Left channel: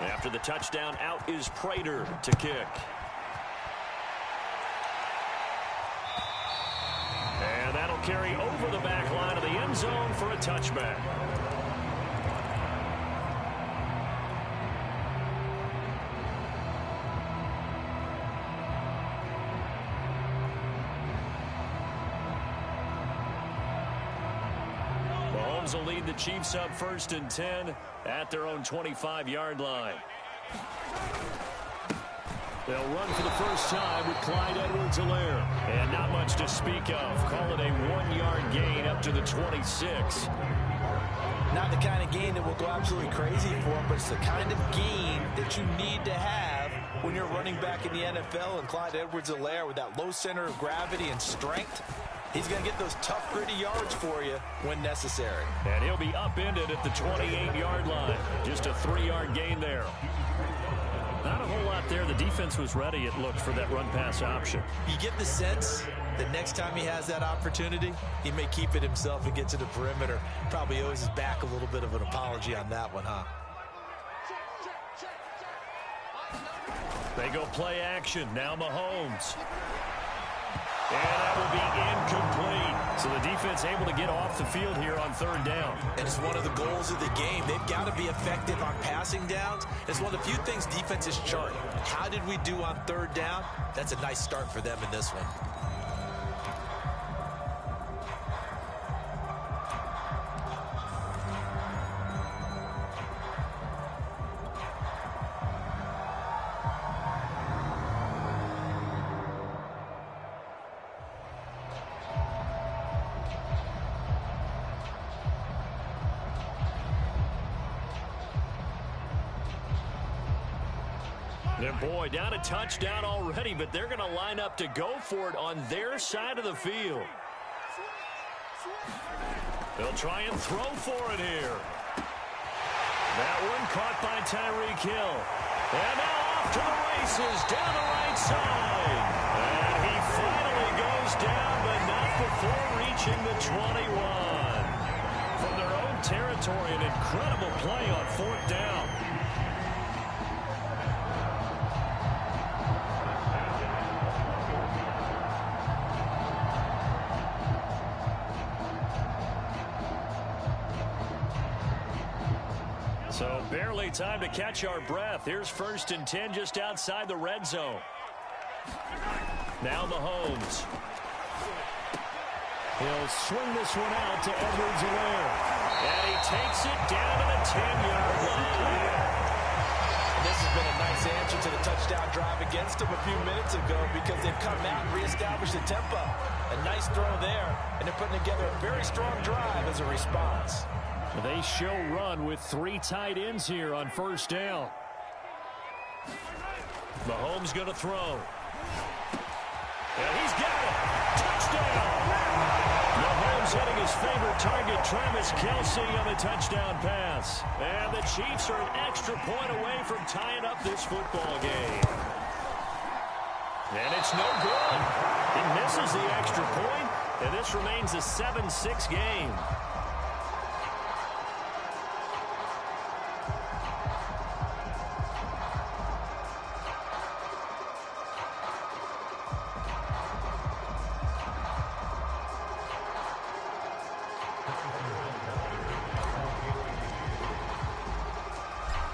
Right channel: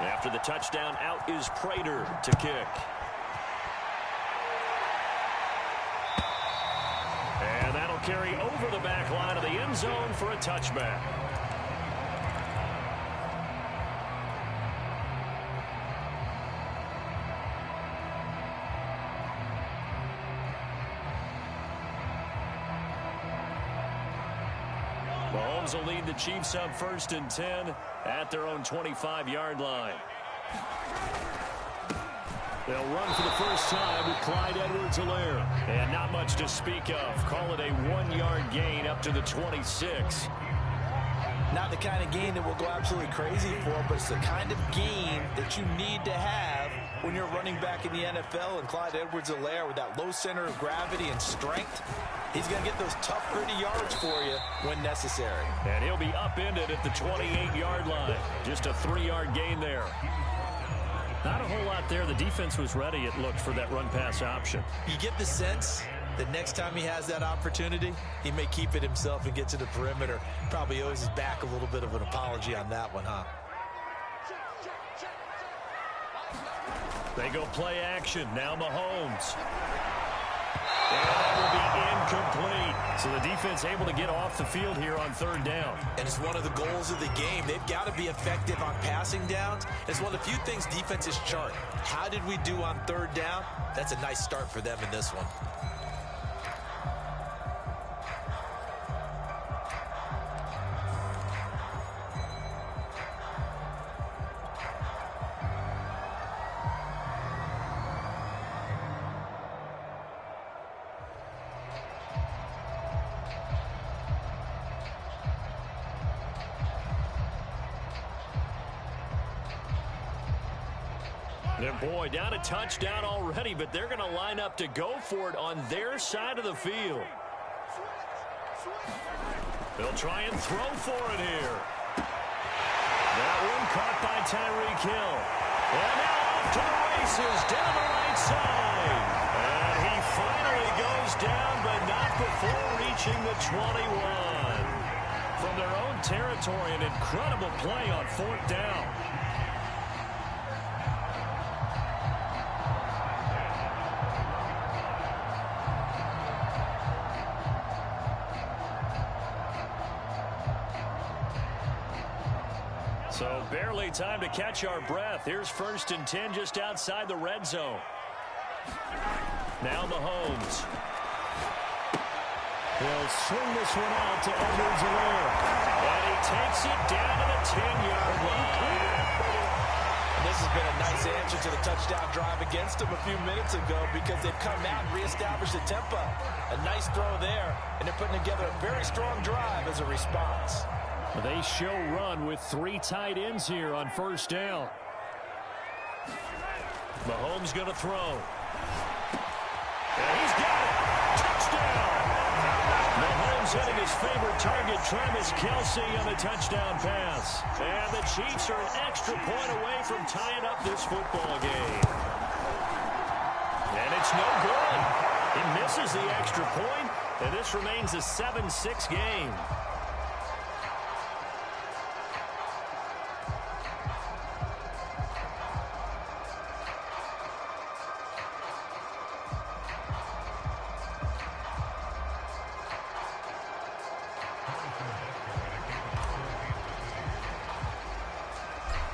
After the touchdown, out is Prater to kick. And that'll carry over the back line of the end zone for a touchback. Mahomes will lead the Chiefs up 1st and 10 at their own 25-yard line. They'll run for the first time with Clyde Edwards-Helaire. And not much to speak of. Call it a 1-yard gain up to the 26. Not the kind of gain that will go absolutely crazy for, but it's the kind of gain that you need to have when you're running back in the NFL. And Clyde Edwards-Helaire, with that low center of gravity and strength, he's going to get those tough, gritty yards for you when necessary. And he'll be upended at the 28-yard line. Just a 3-yard gain there. Not a whole lot there. The defense was ready, it looked, for that run-pass option. You get the sense that next time he has that opportunity, he may keep it himself and get to the perimeter. Probably owes his back a little bit of an apology on that one, huh? They go play action. Now Mahomes. And that will be incomplete. So the defense able to get off the field here on 3rd down. And it's one of the goals of the game. They've got to be effective on passing downs. It's one of the few things defenses chart. How did we do on 3rd down? That's a nice start for them in this one. And boy, down a touchdown already, but they're going to line up to go for it on their side of the field. They'll try and throw for it here. That one caught by Tyreek Hill. And now off to the races down the right side. And he finally goes down, but not before reaching the 21. From their own territory, an incredible play on 4th down. So barely time to catch our breath. Here's 1st and 10 just outside the red zone. Now Mahomes. He'll swing this one out to Edwards-Helaire. And he takes it down to the 10-yard line. And this has been a nice answer to the touchdown drive against them a few minutes ago, because they've come out and reestablished the tempo. A nice throw there, and they're putting together a very strong drive as a response. They show run with 3 tight ends here on 1st down. Mahomes going to throw. And he's got it. Touchdown. Mahomes hitting his favorite target, Travis Kelce, on the touchdown pass. And the Chiefs are an extra point away from tying up this football game. And it's no good. He misses the extra point, and this remains a 7-6 game.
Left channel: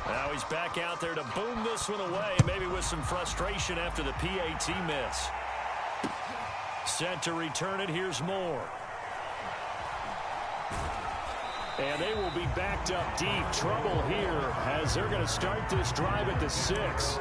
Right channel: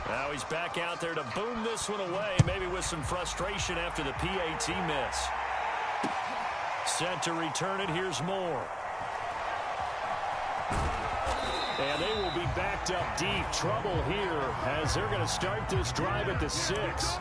Now he's back out there to boom this one away, maybe with some frustration after the PAT miss. Set to return it. Here's Moore. And they will be backed up deep. Trouble here as they're going to start this drive at the 6.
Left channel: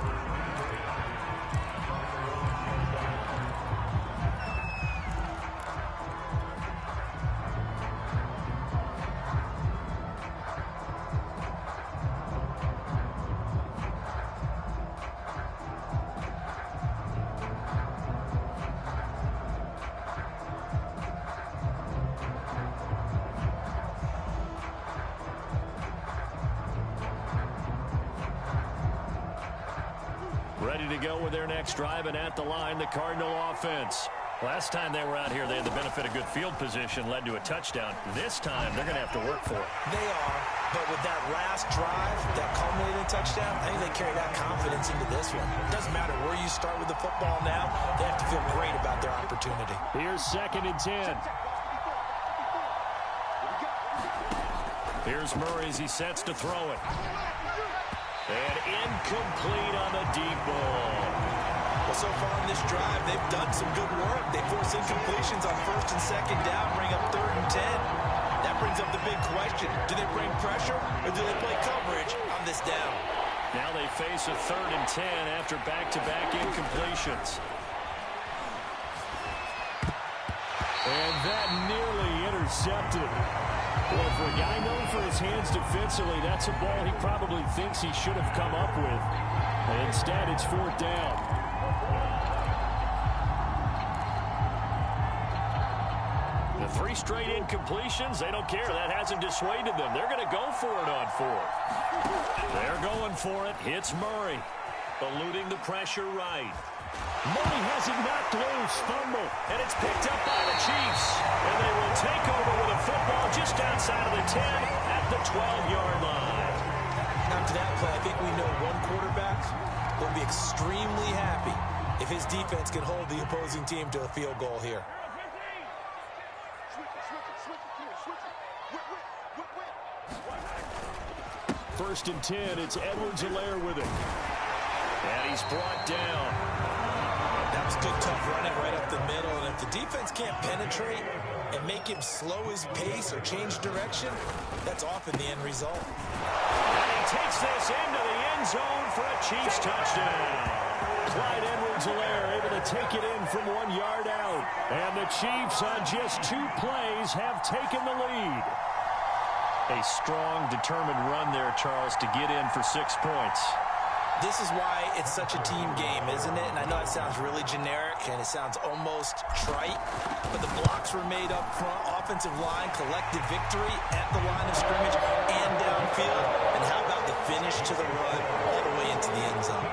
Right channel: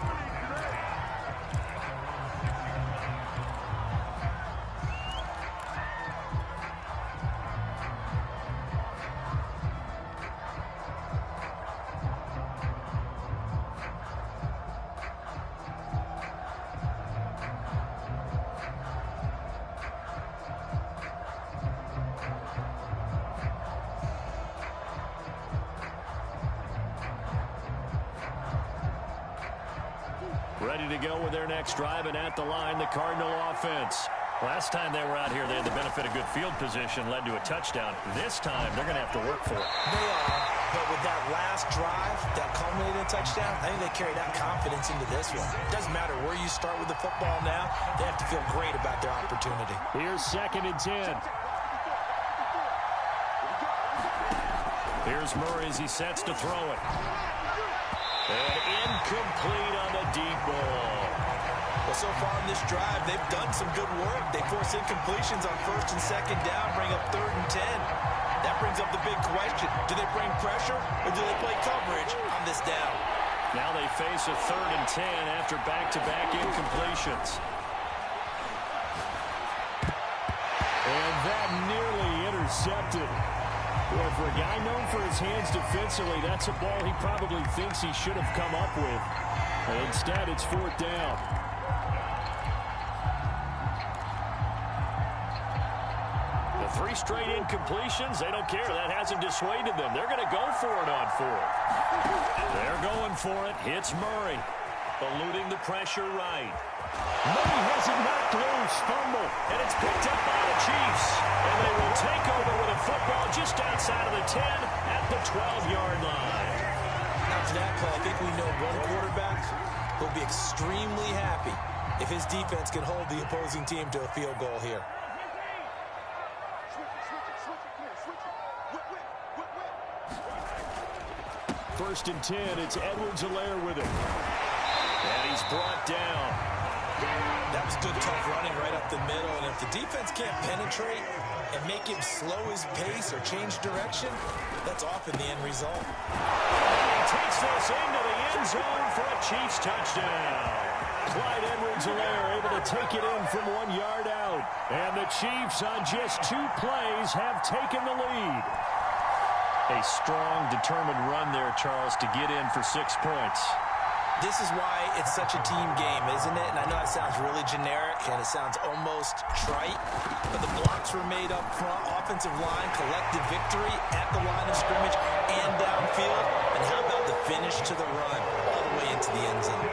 Ready to go with their next drive, and at the line, the Cardinal offense. Last time they were out here, they had the benefit of good field position, led to a touchdown. This time, they're going to have to work for it. They are, But with that last drive, that culminating touchdown, I think they carry that confidence into this one. It doesn't matter where you start with the football now. They have to feel great about their opportunity. Here's 2nd and 10. Here's Murray as he sets to throw it. And incomplete on the deep ball. Well, so far in this drive, they've done some good work. They force incompletions on 1st and 2nd down, bring up 3rd and 10. That brings up the big question. Do they bring pressure or do they play coverage on this down? Now they face a 3rd and 10 after back-to-back incompletions. And that nearly intercepted. Boy, for a guy known for his hands defensively, that's a ball he probably thinks he should have come up with. And instead, it's 4th down. The 3 straight incompletions, they don't care. That hasn't dissuaded them. They're going to go for it on 4th. They're going for it. Hits Murray. Eluding the pressure right. Murray has it knocked loose. Fumble. And it's picked up by the Chiefs. And they will take over with a football just outside of the 10 at the 12-yard line. After that play, I think we know one quarterback will be extremely happy if his defense can hold the opposing team to a field goal here. 1st and 10, it's Edwards-Helaire with it. And he's brought down. That was good, tough running right up the middle. And if the defense can't penetrate and make him slow his pace or change direction, that's often the end result. And he takes this into the end zone for a Chiefs touchdown. Clyde Edwards-Helaire able to take it in from 1 yard out. And the Chiefs on just 2 plays have taken the lead. A strong, determined run there, Charles, to get in for 6 points. This is why it's such a team game, isn't it? And I know that sounds really generic and it sounds almost trite, but the blocks were made up front, offensive line, collective victory at the line of scrimmage and downfield. And how about the finish to the run all the way into the end zone?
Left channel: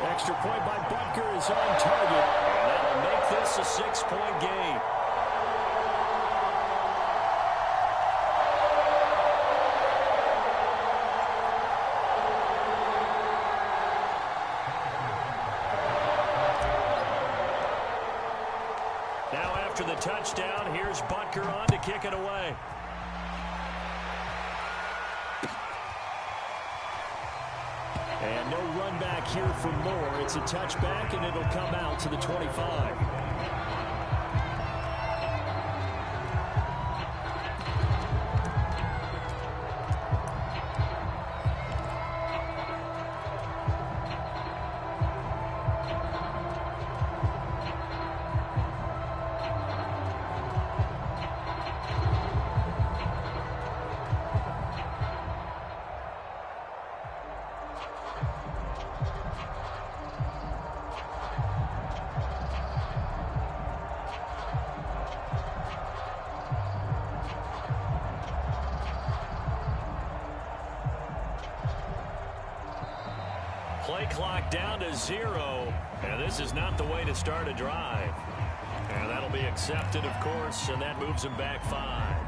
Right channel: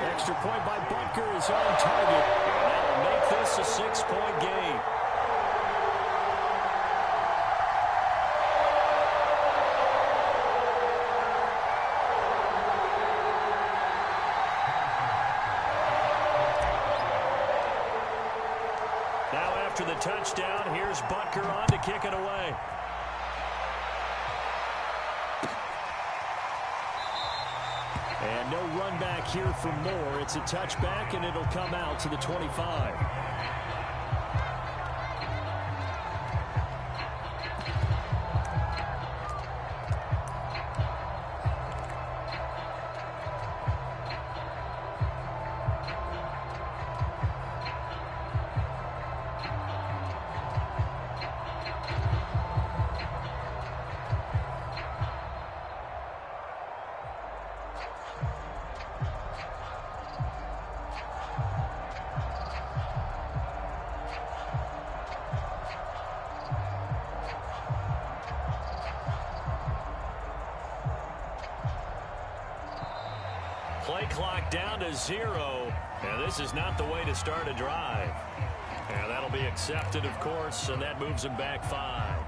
Extra point by Butker is on target, and that'll make this a 6-point game. Now after the touchdown, here's Butker on to kick it away. And no run back here for Moore. It's a touchback, and it'll come out to the 25. Play clock down to 0, and this is not the way to start a drive. And that'll be accepted, of course, and that moves him back 5.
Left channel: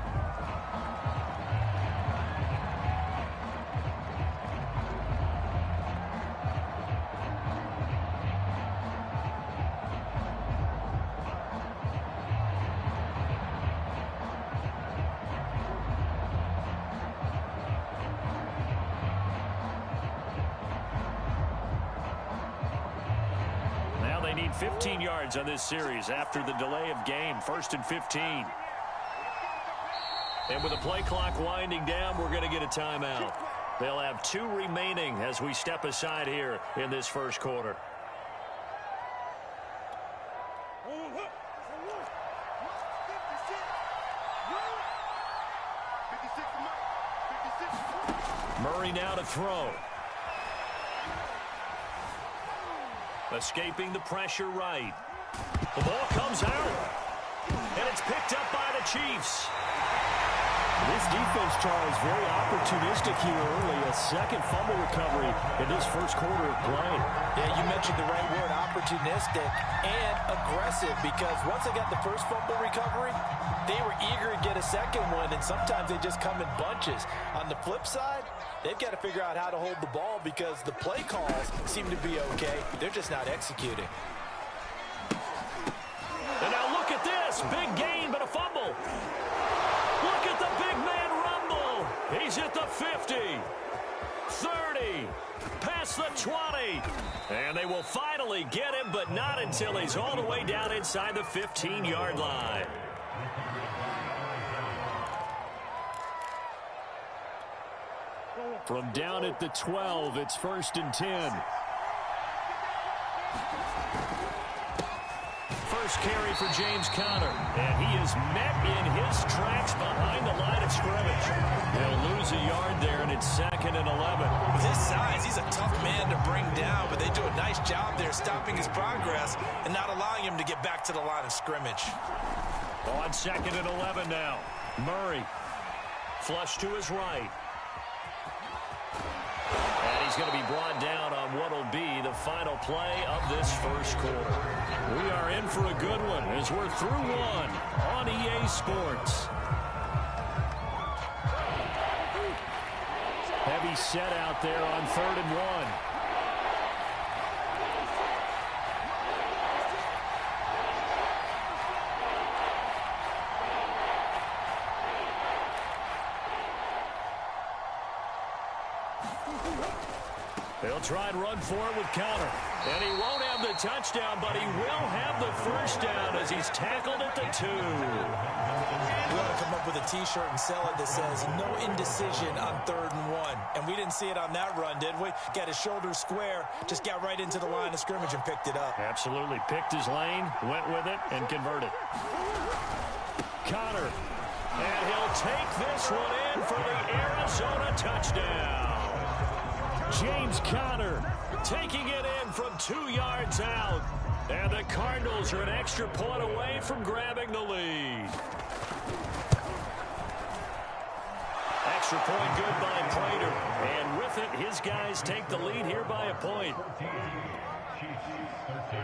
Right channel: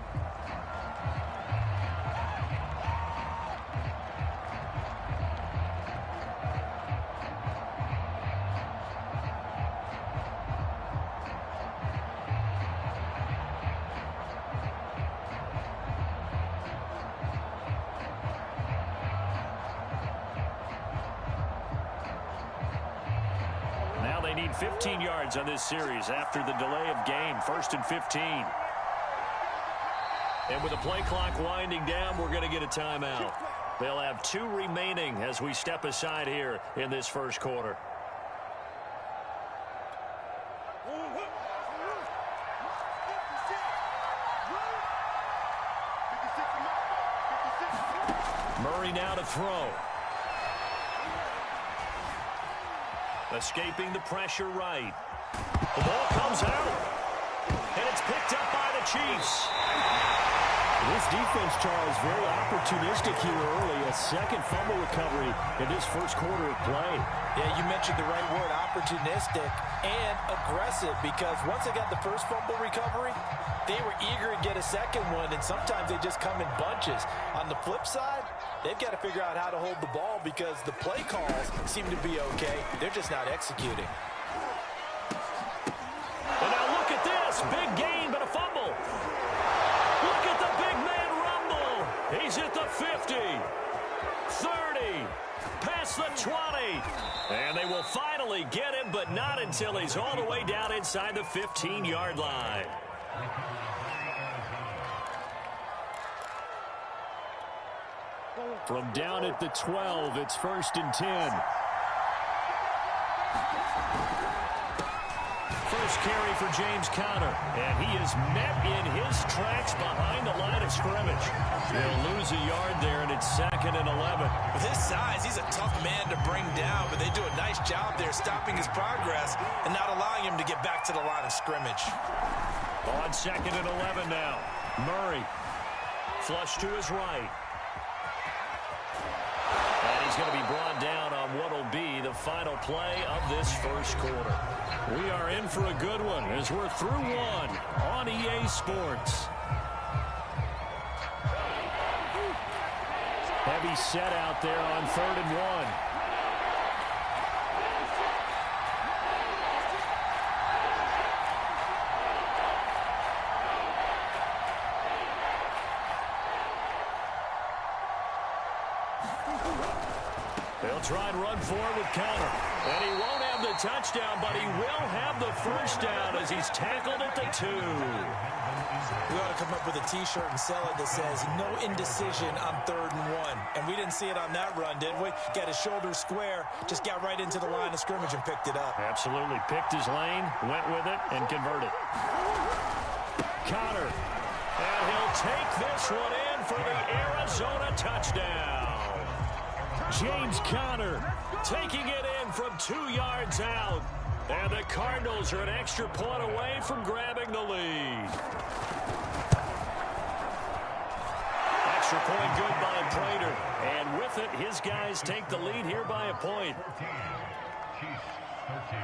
They need 15 yards on this series after the delay of game. 1st and 15. And with the play clock winding down, we're going to get a timeout. They'll have 2 remaining as we step aside here in this first quarter. Murray now to throw. Escaping the pressure right. The ball comes out, and it's picked up by the Chiefs. This defense, Charles, very opportunistic here early. A second fumble recovery in this first quarter of play. Yeah, you mentioned the right word, opportunistic and aggressive, because once they got the first fumble recovery, they were eager to get a second one, and sometimes they just come in bunches. On the flip side, they've got to figure out how to hold the ball because the play calls seem to be okay. They're just not executing. And now look at this. Big gain, but a fumble. Look at the big man rumble. He's at the 50, 30, past the 20. And they will finally get him, but not until he's all the way down inside the 15-yard line. From down at the 12, it's 1st and 10. First carry for James Conner, and he is met in his tracks behind the line of scrimmage. They'll lose a yard there, and it's 2nd and 11. With his size, he's a tough man to bring down, but they do a nice job there stopping his progress and not allowing him to get back to the line of scrimmage. On 2nd and 11 now. Murray, flush to his right. And he's going to be brought down on what will be the final play of this first quarter. We are in for a good one as we're through one on EA Sports. Heavy set out there on 3rd and 1. They'll try and run for it with Conner. And he won't have the touchdown, but he will have the first down as he's tackled at the 2. We ought to come up with a T-shirt and sell it that says, no indecision on 3rd and 1. And we didn't see it on that run, did we? Got his shoulders square, just got right into the line of scrimmage and picked it up. Absolutely. Picked his lane, went with it, and converted. Conner. And he'll take this one in for the Arizona touchdown. James Conner taking it in from 2 yards out. And the Cardinals are an extra point away from grabbing the lead. Extra point good by Prater. And with it, his guys take the lead here by a point. 13. Chiefs 13.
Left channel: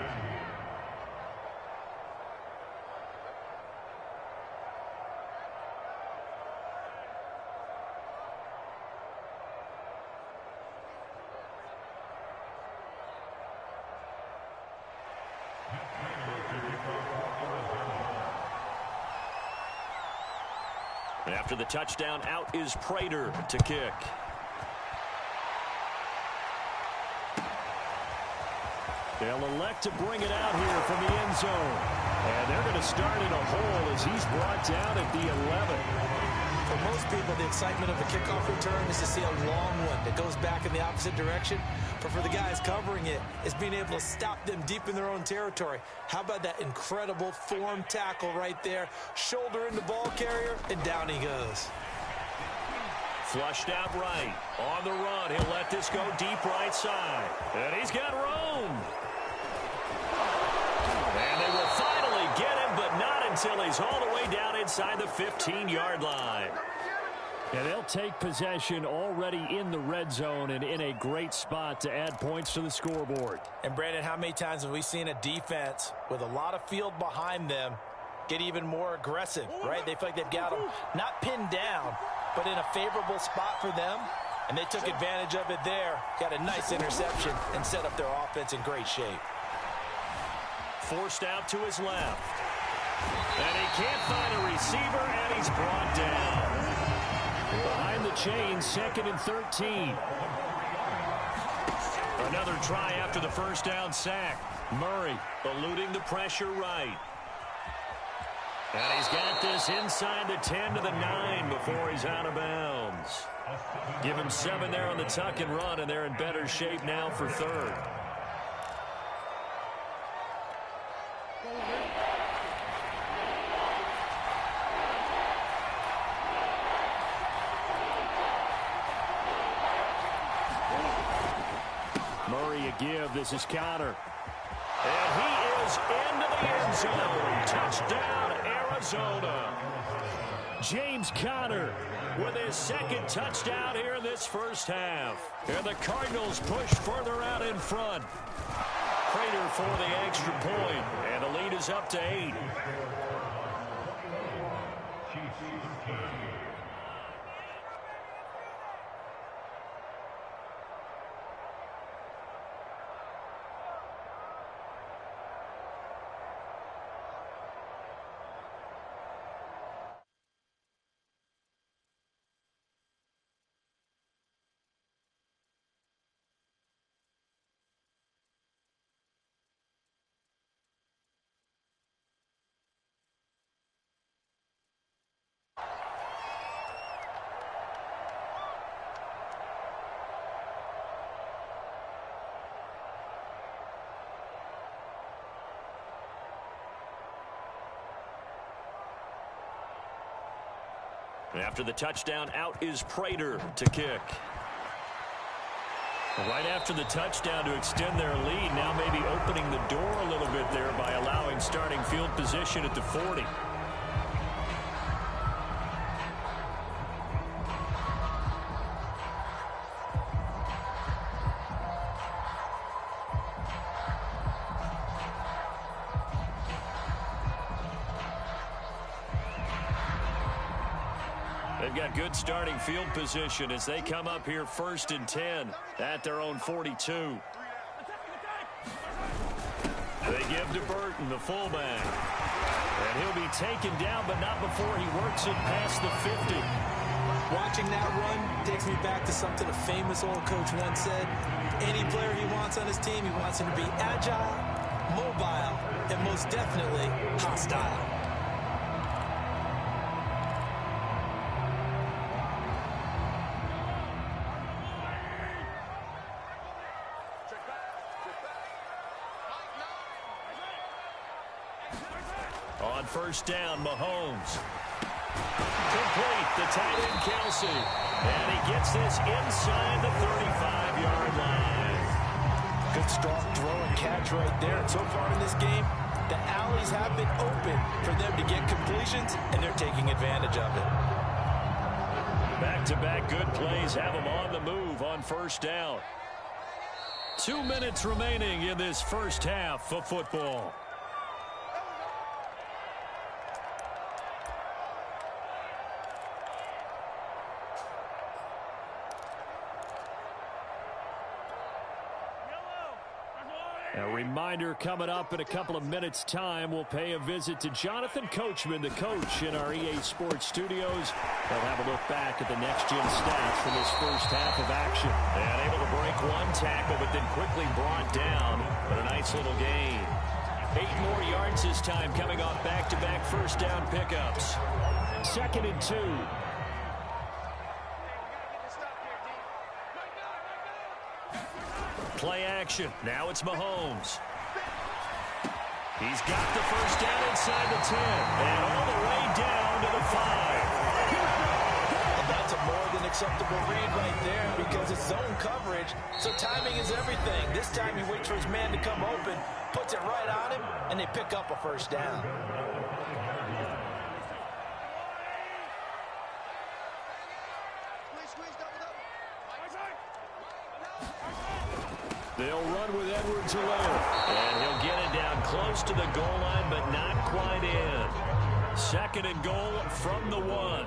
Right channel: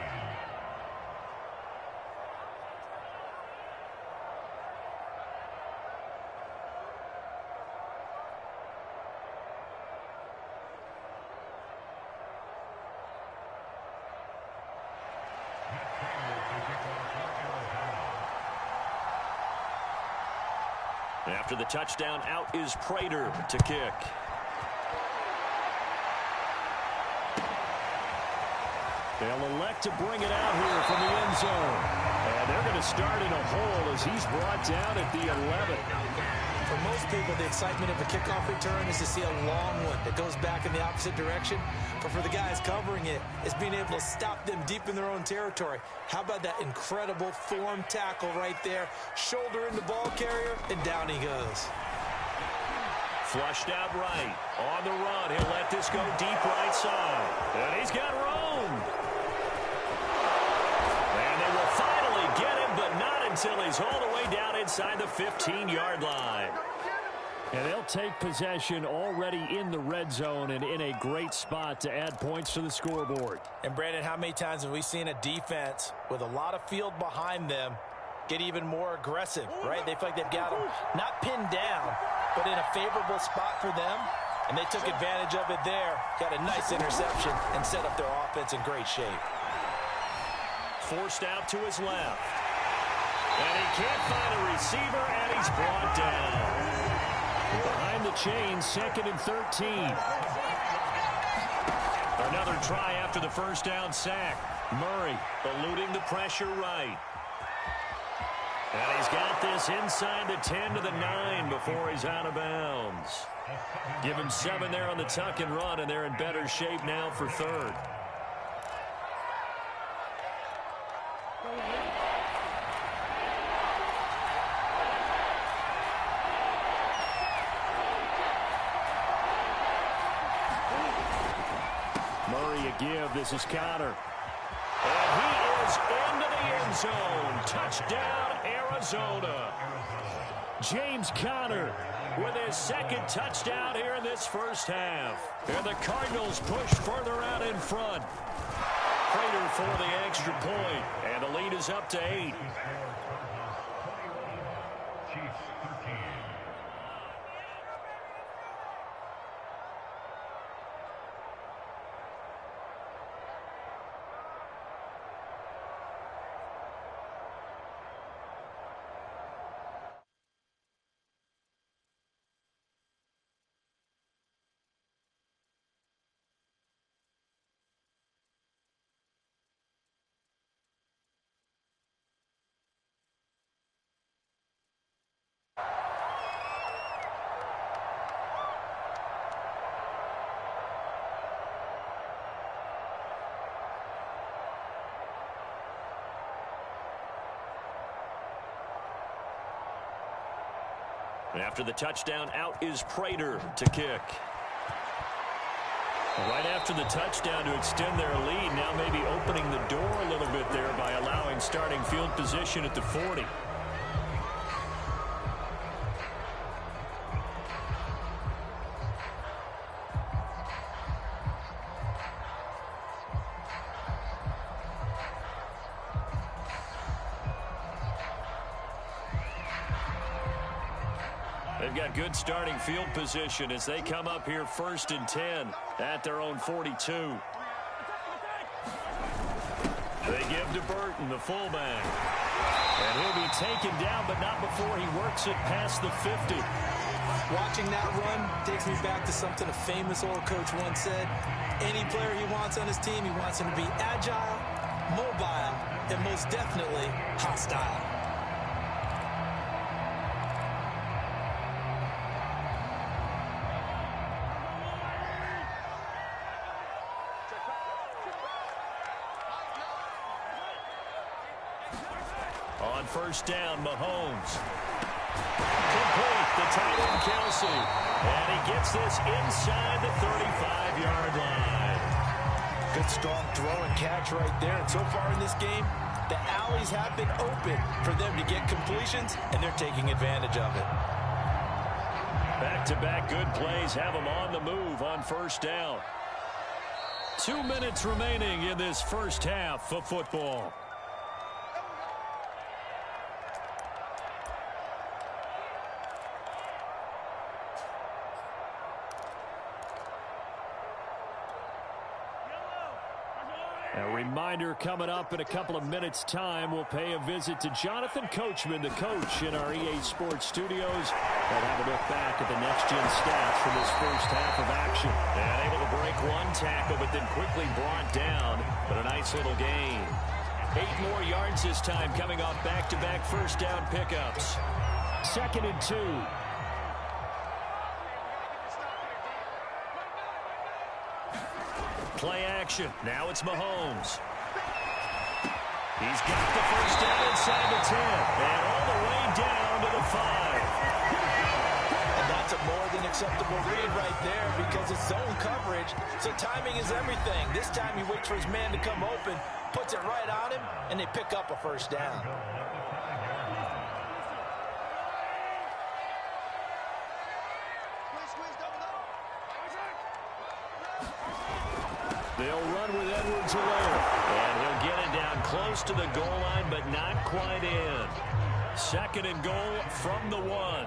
After the touchdown, out is Prater to kick. They'll elect to bring it out here from the end zone. And they're going to start in a hole as he's brought down at the 11. For most people, the excitement of a kickoff return is to see a long one that goes back in the opposite direction. But for the guys covering it, it's being able to stop them deep in their own territory. How about that incredible form tackle right there? Shoulder in the ball carrier, and down he goes. Flushed out right. On the run, he'll let this go deep right side. And he's got room. And they will finally get him, but not until he's all the way down inside the 15-yard line. And they'll take possession already in the red zone and in a great spot to add points to the scoreboard. And, Brandon, how many times have we seen a defense with a lot of field behind them get even more aggressive, right? They feel like they've got them not pinned down, but in a favorable spot for them. And they took advantage of it there. Got a nice interception and set up their offense in great shape. Forced out to his left. And he can't find a receiver, and he's brought down. Behind the chain, 2nd and 13. Another try after the first down sack. Murray eluding the pressure right. And he's got this inside the 10 to the 9 before he's out of bounds. Give him 7 there on the tuck and run, and they're in better shape now for 3rd. Murray a give. This is Conner. And he is into the end zone. Touchdown, Arizona. Arizona. James Conner with his second touchdown here in this first half. And the Cardinals push further out in front. Prater for the extra point, and the lead is up to 8. Chiefs 13. After the touchdown, out is Prater to kick. Right after the touchdown to extend their lead, now maybe opening the door a little bit there by allowing starting field position at the 40. They've got good starting field position as they come up here 1st and 10 at their own 42. They give to Burton, the fullback. And he'll be taken down, but not before he works it past the 50. Watching that run takes me back to something a famous old coach once said. Any player he wants on his team, he wants him to be agile, mobile, and most definitely hostile. On first down, Mahomes. Complete, the tight end, Kelsey. And he gets this inside the 35-yard line. Good strong throw and catch right there. And so far in this game, the alleys have been open for them to get completions, and they're taking advantage of it. Back-to-back good plays have them on the move on first down. 2 minutes remaining in this first half of football. A reminder coming up in a couple of minutes' time. We'll pay a visit to Jonathan Coachman, the coach in our EA Sports studios. They'll have a look back at the next-gen stats from this first half of action. And able to break one tackle, but then quickly brought down. But a nice little gain. 8 more yards this time coming off back-to-back first down pickups. 2nd and 2. Play action. Now it's Mahomes. He's got the first down inside the 10 and all the way down to the 5. And that's a more than acceptable read right there because it's zone coverage, so timing is everything. This time he waits for his man to come open, puts it right on him, and they pick up a first down. They'll run with Edwards-Helaire, and he'll get it down close to the goal line, but not quite in. 2nd and goal from the 1.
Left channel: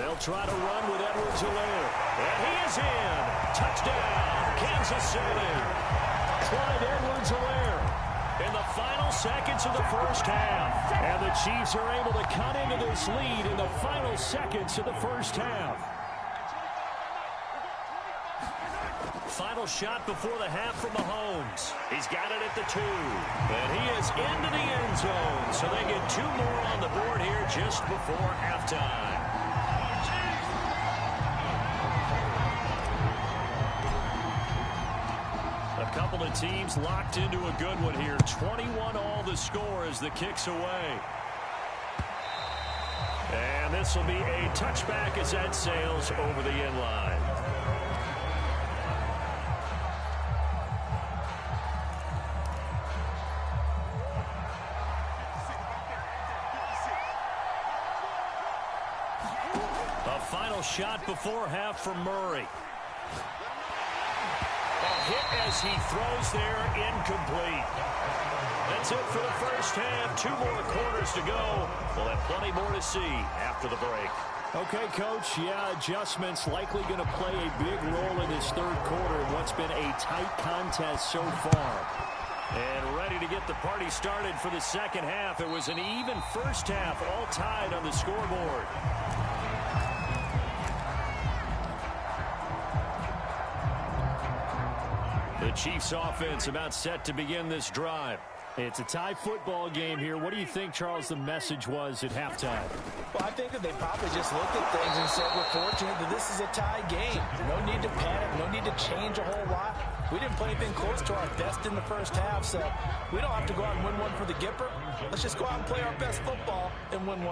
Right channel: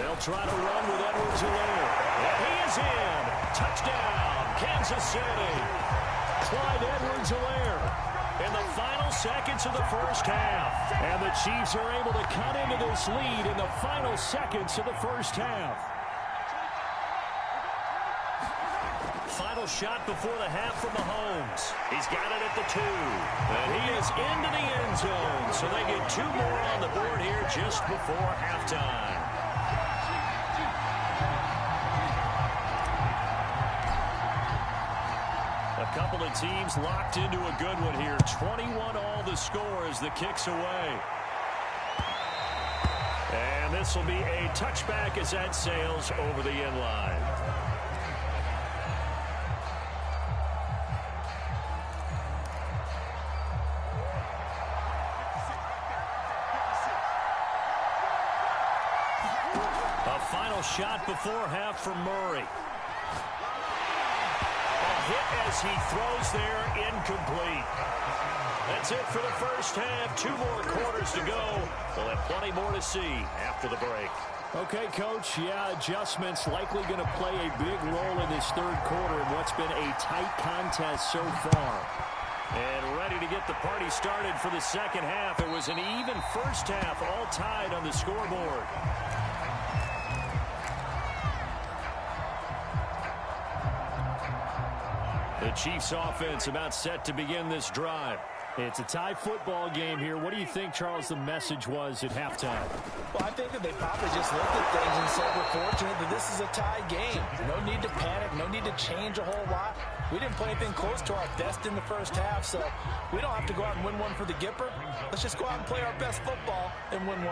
They'll try to run with Edwards-Helaire, and he is in. Touchdown, Kansas City. Clyde Edwards-Helaire in the final seconds of the first half. And the Chiefs are able to cut into this lead in the final seconds of the first half. Final shot before the half from Mahomes. He's got it at the 2. And he is into the end zone. So they get 2 more on the board here just before halftime. A couple of teams locked into a good one here. 21 all the score as the kick's away. And this will be a touchback as that sails over the end line. final shot before half from Murray. A hit as he throws there, incomplete. That's it for the first half. 2 more quarters to go. We'll have plenty more to see after the break. Okay, Coach, yeah, adjustments likely going to play a big role in this third quarter in what's been a tight contest so far. And ready to get the party started for the second half. It was an even first half, all tied on the scoreboard. The Chiefs offense about set to begin this drive. It's a tie football game here. What do you think, Charles, the message was at halftime? Well, I think that they probably just looked at things and said, we're fortunate that this is a tie game. No need to panic, no need to change a whole lot. We didn't play anything close to our best in the first half, so we don't have to go out and win one for the Gipper. Let's just go out and play our best football and win one.